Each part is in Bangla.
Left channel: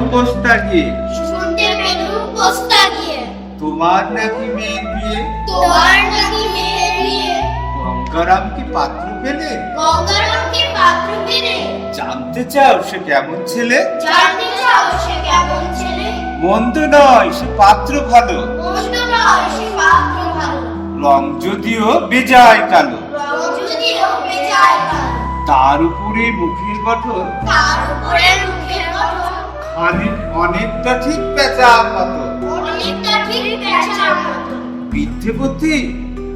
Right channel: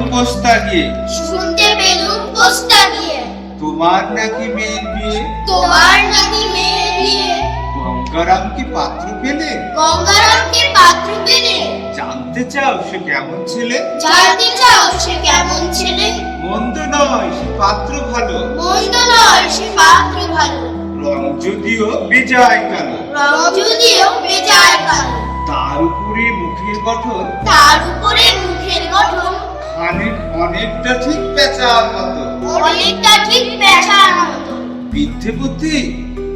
পোস্তা গিয়ে শুনতে পেলুম পোস্তা গিয়ে তোমার নাকি মেয়ের বিয়ে? তোমার নাকি মেয়ে বিয়ে। গঙ্গারাম কি পাত্র পেলে? গঙ্গারামকে পাত্র পেলে? জানতে চাও সে কেমন ছেলে? জানতে চাও সে কেমন ছেলে? মন্দ নয় সে পাত্র ভালো। মন্দ নয় সে পাত্র ভালো। রং যদিও বেজায় কালো। রং যদিও বেজায় কালো। তার উপরে মুখের গঠন। তার উপরে মুখের খানিক অনেকটা ঠিক পেঁচার মতো। অনেকটা ঠিক পেশার মতো। বিদ্ধে বুদ্ধি?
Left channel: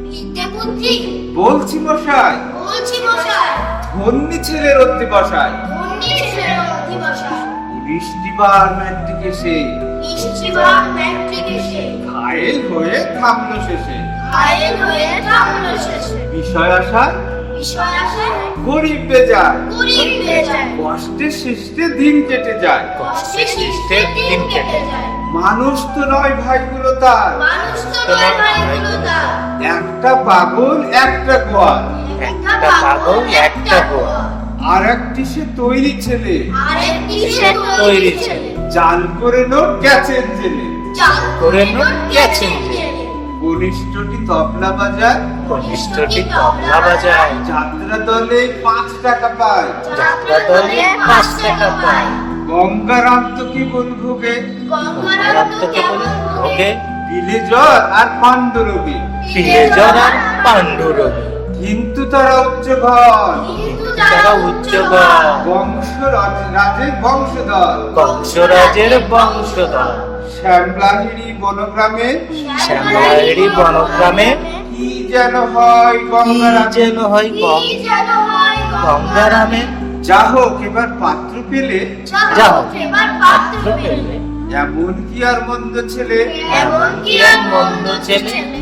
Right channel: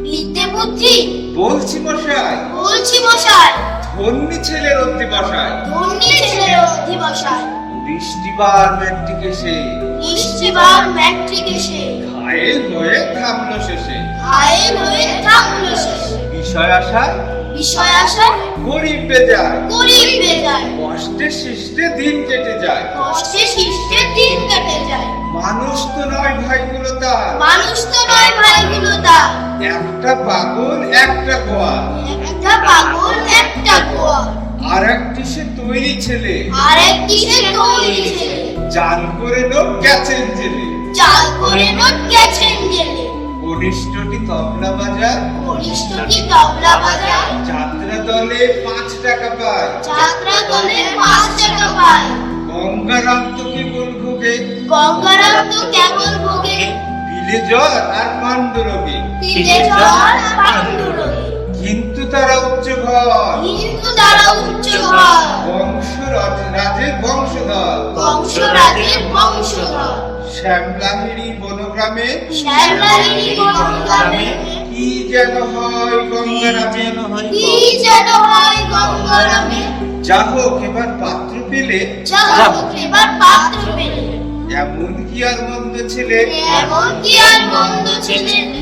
বিদ্যে বুদ্ধি? বলছি মশাই। বলছি মশাই। ধন্যী ছেলের অধ্যে বসায় ধন্যী ছেলের অধিবসায় বৃষ্টি বার ম্যাট্রিকে সে নিশ্চিবার ম্যাট্রিক এসে। ঘায়েল হয়ে থামলো শেষে। ঘায়েল হয়ে থামলো শেষে। বিষয় আসা বিষয় আসায় গরিব বেজায়। গরিব বেজায়। কষ্টে সৃষ্টে দিন কেটে যায়। কষ্টে শিষ্টে দিন কেটে যায়। মানুষ তো নয় ভাইগুলো তার। মানুষ তো নয় ভাইগুলো তার। একটা পাগল একটা গোয়াল। একটা পাগল একটা গোয়া আর একটি সে তৈরি ছেলে। আর একটি সে তৈরি ছেলে। জাল করে লোক গেছেন জেলে। চাল করে নোট গেছেন জেলে। কনিষ্ঠটি তবলা বাজায় কনিষ্ঠটি তবলা বাজায়। যাত্রা দলে পাঁচ টাকা পায়। যাত্রা দলে পাঁচ টাকা পায়। গঙ্গারাম তো কি ভোগে। গঙ্গারাম তো কেমন ভোগে। জ্বর আর পাণ্ডুরোগী। তীরে জল পাণ্ডুরঙ্গী কিন্তু তারা উচ্চ ঘর। কিন্তু তারা উচ্চ ঘর বংশ রাজের বংশধর। বংশরাজের বংশধর। শ্যামলাহিড়ি বনগ্রামে। শ্যামলাহিড়ি বনগ্রামে। কি যেন হয় গঙ্গারামে। হয় যেন হয় গঙ্গারামে। যা হোক এবার পাত্র পেলে। এবার পাত্র পেলে। এমন কি আর মন্দ ছেলে? এমন কি আর মন্দ ছেলে?